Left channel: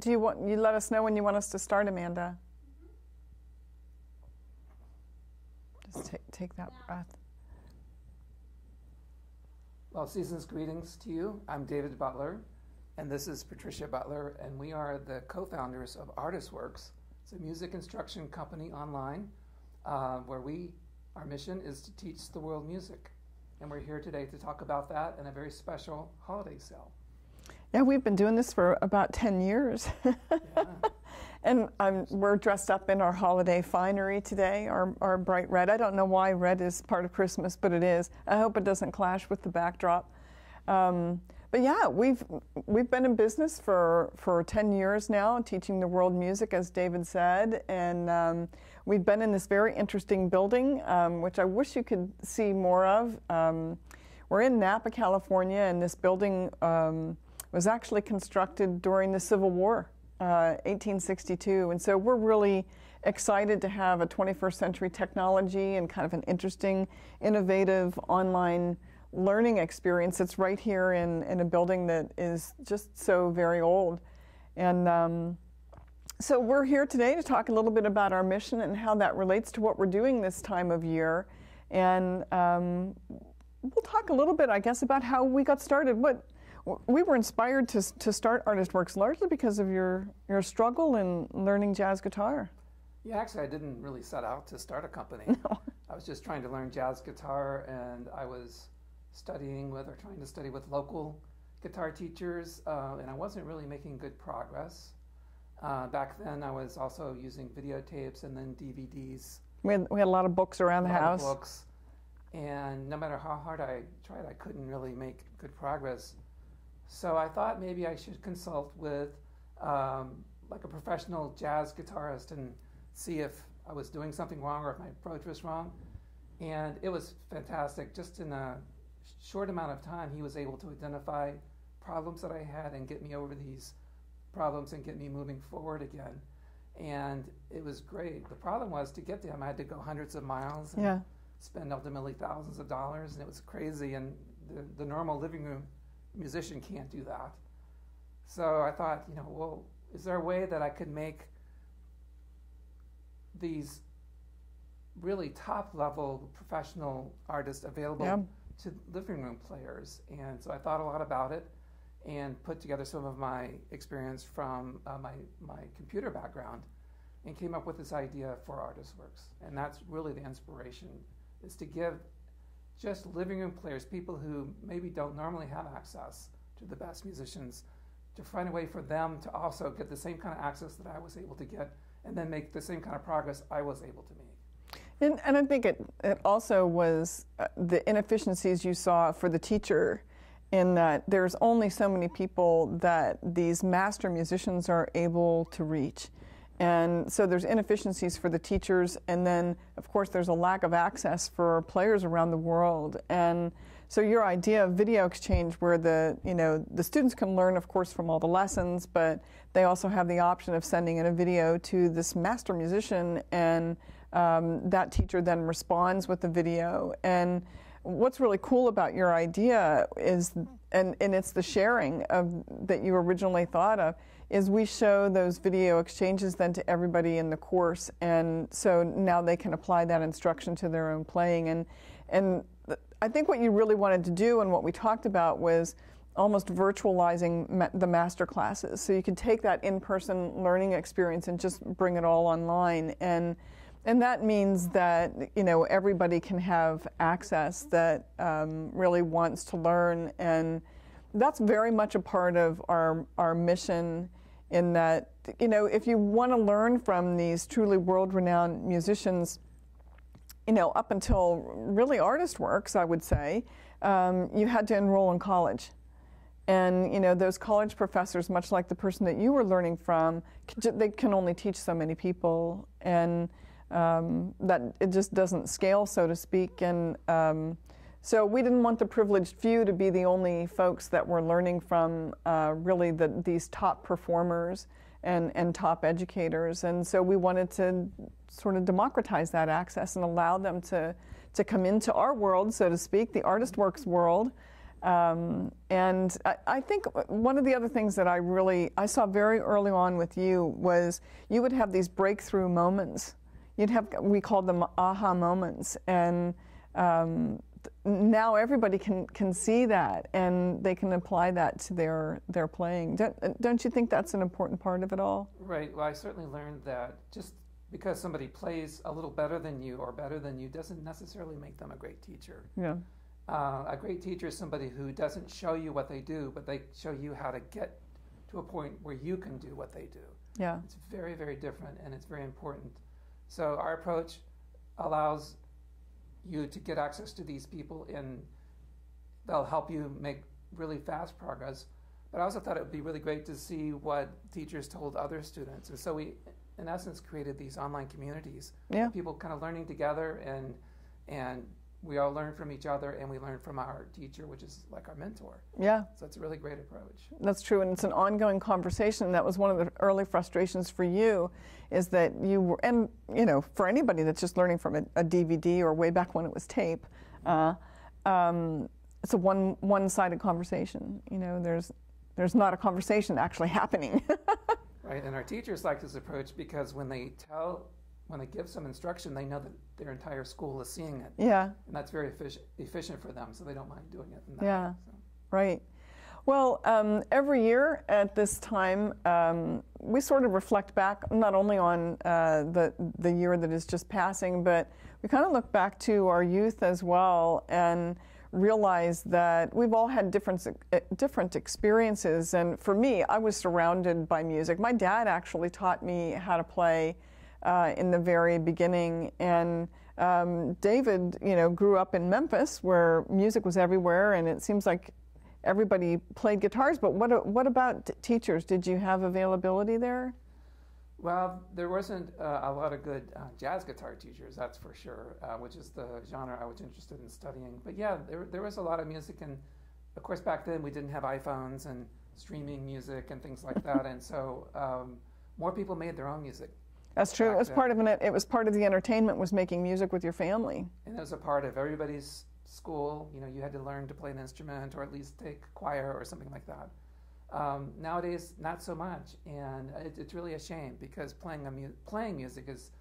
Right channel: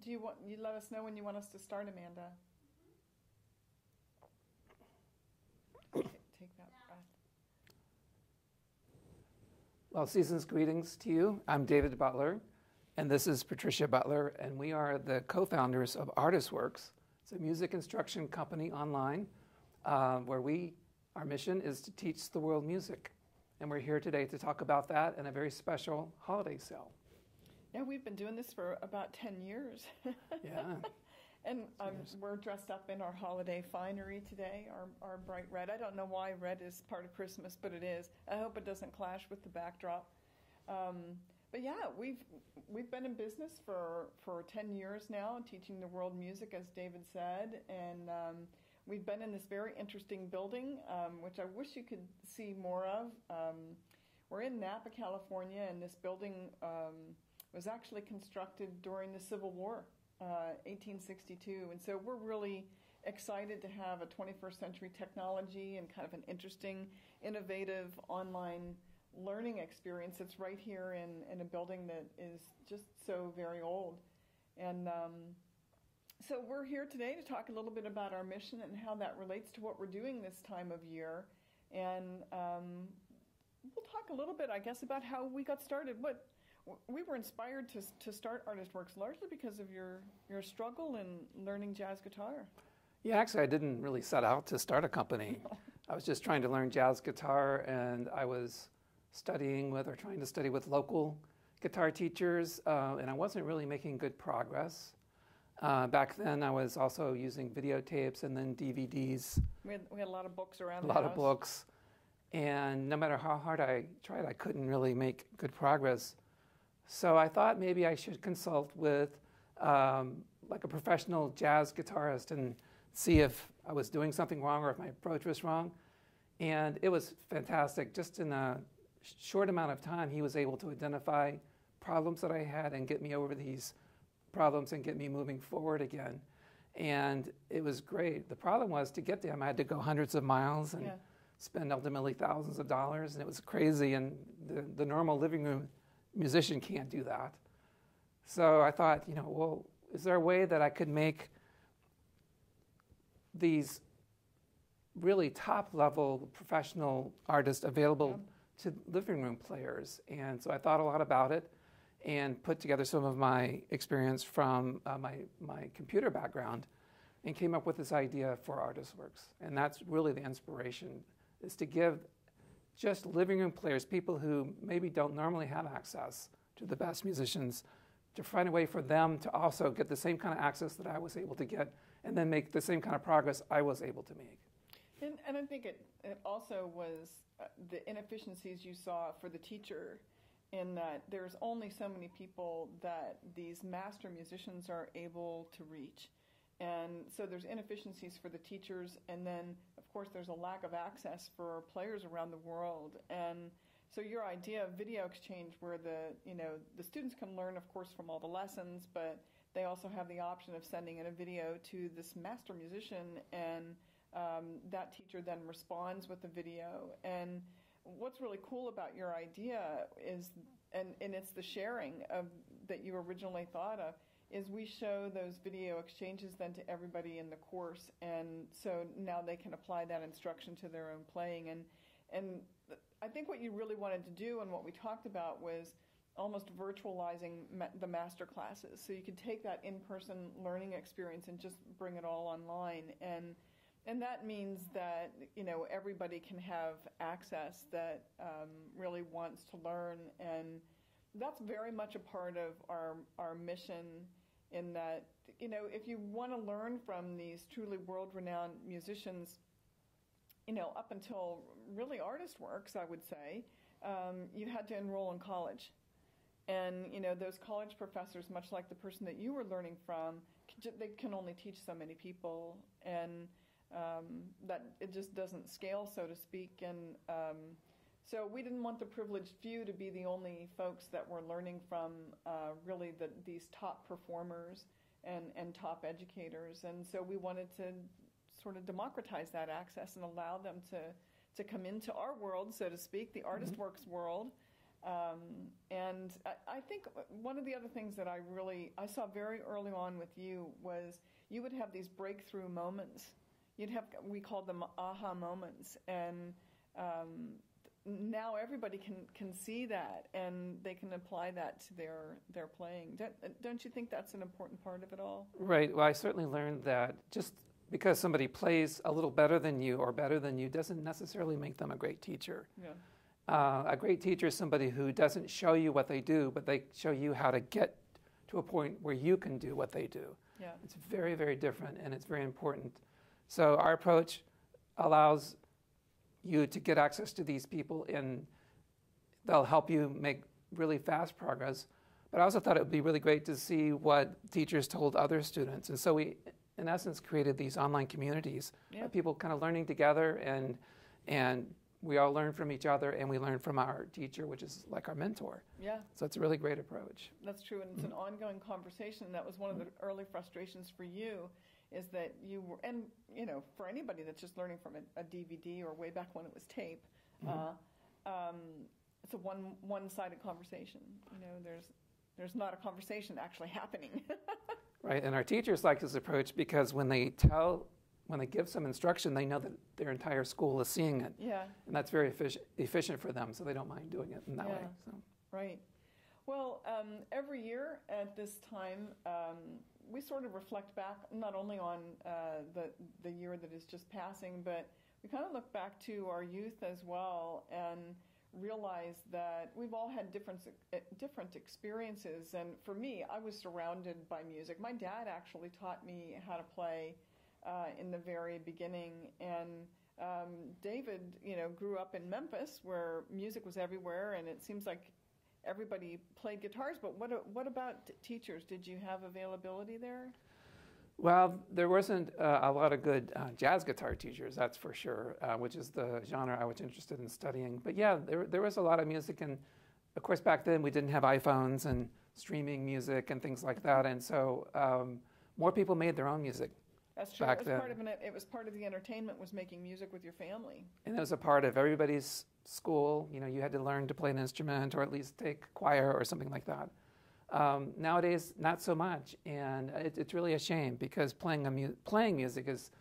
do you let us know when you want us to start, Amanda? Just take that breath. Well, season's greetings to you. I'm David Butler, and this is Patricia Butler, and we are the co-founders of ArtistWorks. It's a music instruction company online where our mission is to teach the world music. And we're here today to talk about that and a very special holiday sale. Yeah, we've been doing this for about 10 years. Yeah. And we're dressed up in our holiday finery today, our bright red. I don't know why red is part of Christmas, but it is. I hope it doesn't clash with the backdrop. But yeah, we've been in business for 10 years now, teaching the world music, as David said. And we've been in this very interesting building, which I wish you could see more of. We're in Napa, California, and this building was actually constructed during the Civil War. 1862, and so we're really excited to have a 21st century technology and kind of an interesting, innovative online learning experience that's right here in a building that is just so very old. And so we're here today to talk a little bit about our mission and how that relates to what we're doing this time of year. And we'll talk a little bit, I guess, about how we got started. We were inspired to start ArtistWorks largely because of your struggle in learning jazz guitar. Yeah, actually, I didn't really set out to start a company. No. I was just trying to learn jazz guitar, and I was trying to study with local guitar teachers, and I wasn't really making good progress. Back then, I was also using videotapes and then DVDs. We had a lot of books around the house. A lot of books, and no matter how hard I tried, I couldn't really make good progress. So I thought maybe I should consult with like a professional jazz guitarist and see if I was doing something wrong or if my approach was wrong. And it was fantastic. Just in a short amount of time, he was able to identify problems that I had and get me over these problems and get me moving forward again. And it was great. The problem was to get them, I had to go hundreds of miles and spend ultimately thousands of dollars, and it was crazy. And the normal living room musician can't do that. So I thought, well, is there a way that I could make these really top-level professional artists available to living room players? And so I thought a lot about it and put together some of my experience from my computer background and came up with this idea for ArtistWorks. And that's really the inspiration, is to give just living room players, people who maybe don't normally have access to the best musicians, to find a way for them to also get the same kind of access that I was able to get and then make the same kind of progress I was able to make. And I think it also was the inefficiencies you saw for the teacher, in that there's only so many people that these master musicians are able to reach. And so there's inefficiencies for the teachers, and then, of course, there's a lack of access for players around the world. And so your idea of video exchange, where the students can learn, of course, from all the lessons, but they also have the option of sending in a video to this master musician, and that teacher then responds with the video. And what's really cool about your idea is, and it's the sharing that you originally thought of, is we show those video exchanges then to everybody in the course, and so now they can apply that instruction to their own playing. And I think what you really wanted to do and what we talked about was almost virtualizing the master classes, so you could take that in-person learning experience and just bring it all online. And that means that everybody can have access that really wants to learn, and that's very much a part of our mission, in that if you want to learn from these truly world-renowned musicians, up until really ArtistWorks, I would say, you had to enroll in college. And those college professors, much like the person that you were learning from, they can only teach so many people, and that it just doesn't scale, so to speak. And so we didn't want the privileged few to be the only folks that were learning from really these top performers and top educators. And so we wanted to sort of democratize that access and allow them to come into our world, so to speak, the ArtistWorks world, And I think one of the other things that I saw very early on with you was you would have these breakthrough moments. We called them aha moments, and now everybody can see that, and they can apply that to their playing. Don't you think that's an important part of it all? Right. Well, I certainly learned that just because somebody plays a little better than you or better than you doesn't necessarily make them a great teacher. Yeah. A great teacher is somebody who doesn't show you what they do, but they show you how to get to a point where you can do what they do. Yeah. It's very, very different, and it's very important. So our approach allows you to get access to these people, and they'll help you make really fast progress. But I also thought it would be really great to see what teachers told other students. And so we, in essence, created these online communities. Yeah. People kind of learning together, and we all learn from each other, and we learn from our teacher, which is like our mentor. Yeah. So it's a really great approach. That's true, and it's an ongoing conversation. And that was one of the early frustrations for you, is that you were, and you know, for anybody that's just learning from a DVD or way back when it was tape, it's a one-sided conversation. You know, there's not a conversation actually happening. Right, and our teachers like this approach because when they give some instruction, they know that their entire school is seeing it. Yeah. And that's very efficient for them, so they don't mind doing it in that Yeah, way, so. Right. Well, every year at this time, we sort of reflect back not only on the year that is just passing, but we kind of look back to our youth as well and realize that we've all had different experiences. And for me, I was surrounded by music. My dad actually taught me how to play in the very beginning, and David, you know, grew up in Memphis where music was everywhere, and it seems like everybody played guitars. But what about teachers? Did you have availability there? Well, there wasn't a lot of good jazz guitar teachers, that's for sure, which is the genre I was interested in studying. But yeah, there was a lot of music, and of course back then we didn't have iPhones and streaming music and things like that, and so more people made their own music. That's true. It was part of it was part of the entertainment, was making music with your family. And it was a part of everybody's school. You know, you had to learn to play an instrument or at least take choir or something like that. Nowadays, not so much, and it's really a shame because playing music is,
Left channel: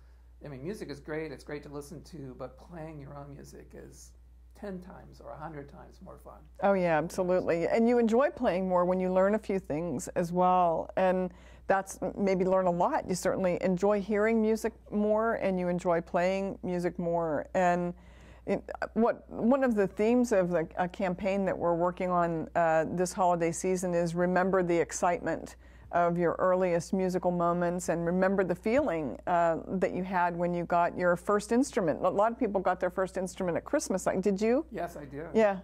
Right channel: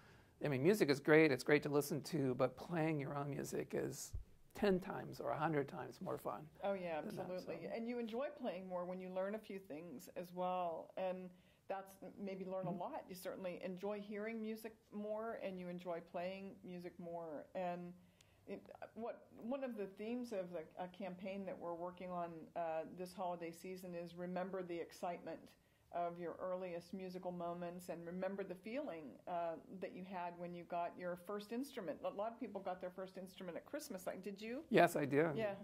I mean, music is great. It's great to listen to, but playing your own music is 10 times or 100 times more fun. Oh yeah, absolutely. And you enjoy playing more when you learn a few things as well, and that's maybe learn a lot. You certainly enjoy hearing music more, and you enjoy playing music more. And one of the themes of a campaign that we're working on this holiday season is remember the excitement of your earliest musical moments, and remember the feeling that you had when you got your first instrument. A lot of people got their first instrument at Christmas. Did you? Yes, I did. Yeah.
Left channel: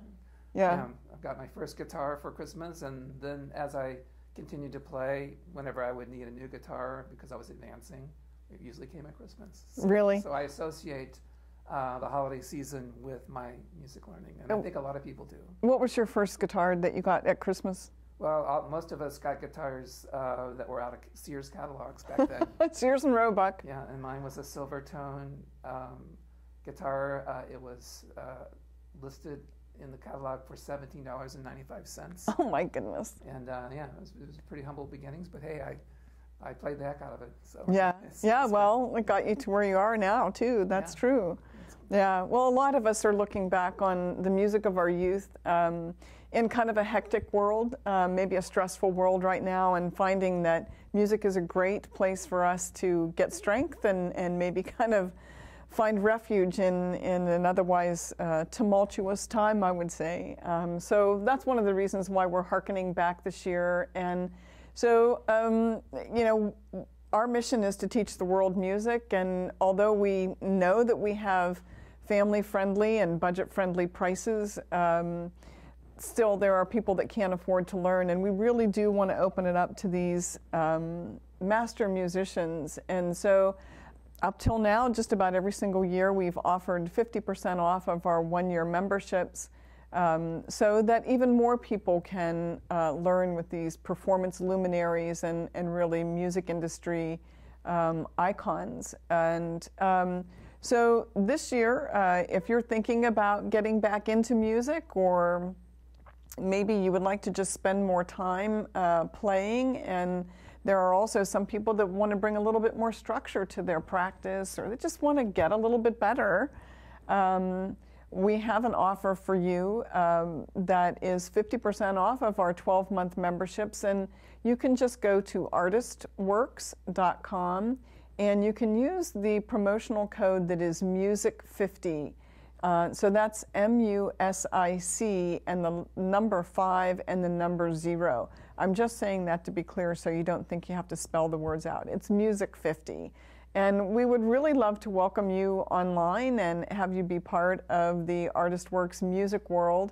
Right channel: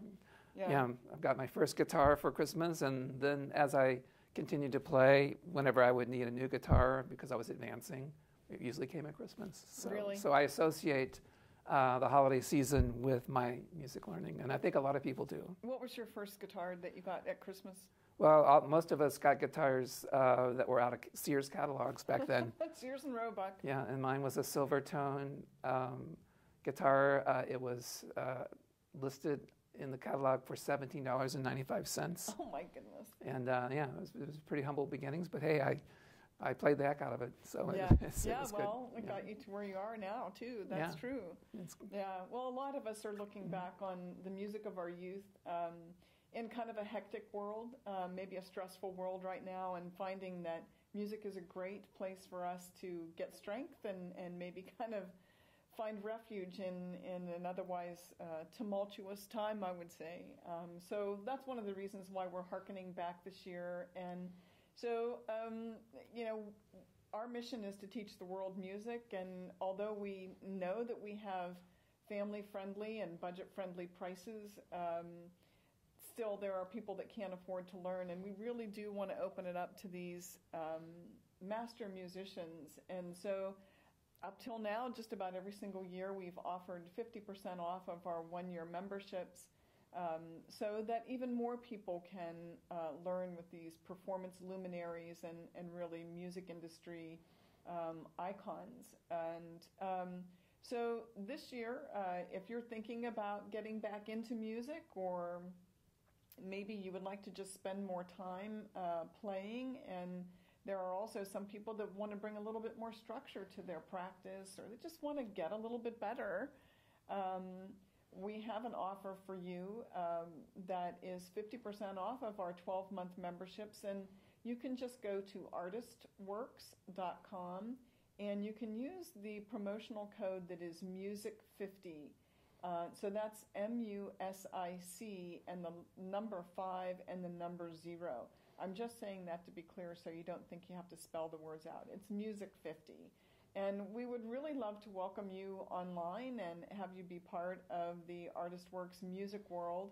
Yeah. I've got my first guitar for Christmas, and then as I continued to play, whenever I would need a new guitar because I was advancing, it usually came at Christmas. Really? So I associate the holiday season with my music learning, and I think a lot of people do. What was your first guitar that you got at Christmas? Well, most of us got guitars that were out of Sears catalogs back then. Sears and Roebuck. Yeah, and mine was a Silvertone guitar. It was listed in the catalog for $17.95. Oh my goodness! And yeah, it was pretty humble beginnings, but hey, I played the heck out of it. So yeah, well, it got you to where you are now too. That's true. Yeah. Well, a lot of us are looking back on the music of our youth in kind of a hectic world, maybe a stressful world right now, and finding that music is a great place for us to get strength and maybe kind of find refuge in an otherwise tumultuous time, I would say. So that's one of the reasons why we're hearkening back this year. And so, you know, our mission is to teach the world music, and although we know that we have family-friendly and budget-friendly prices, still there are people that can't afford to learn, and we really do want to open it up to these master musicians. And so up till now, just about every single year, we've offered 50% off of our one-year memberships, so that even more people can learn with these performance luminaries and really music industry icons. And so this year, if you're thinking about getting back into music, or maybe you would like to just spend more time playing, and there are also some people that want to bring a little bit more structure to their practice, or they just want to get a little bit better. We have an offer for you that is 50% off of our 12-month memberships, and you can just go to ArtistWorks.com, and you can use the promotional code that is MUSIC50. So that's MUSIC and the number 5 and the number 0. I'm just saying that to be clear so you don't think you have to spell the words out. It's MUSIC50. And we would really love to welcome you online and have you be part of the ArtistWorks music world.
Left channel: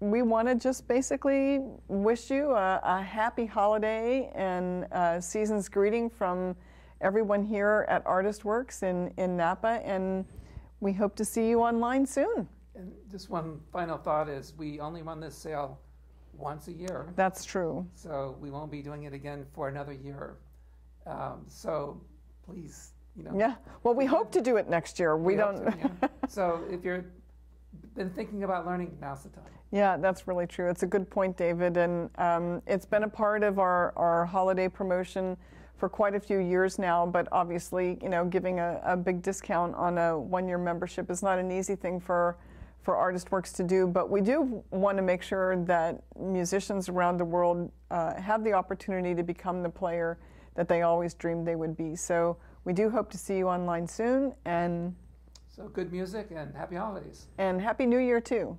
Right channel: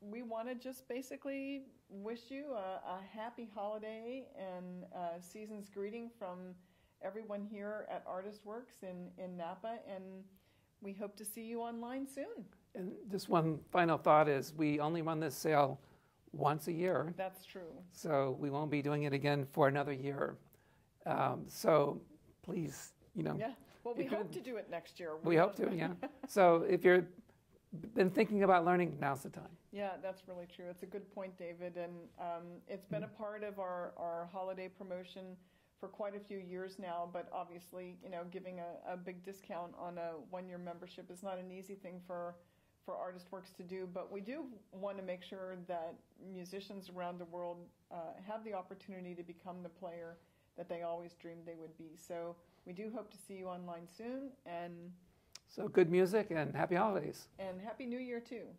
We want to just basically wish you a happy holiday and season's greeting from everyone here at ArtistWorks in Napa, and we hope to see you online soon. And just one final thought is we only run this sale once a year. That's true. So we won't be doing it again for another year. So please, Yeah. Well, we hope to do it next year. We don't. Hope to, yeah. So if you've been thinking about learning, now's the time. Yeah, that's really true. It's a good point, David. And it's been a part of our holiday promotion for quite a few years now, but obviously, giving a big discount on a one-year membership is not an easy thing for ArtistWorks to do, but we do want to make sure that musicians around the world have the opportunity to become the player that they always dreamed they would be. So we do hope to see you online soon, and so good music and happy holidays. And Happy New Year too.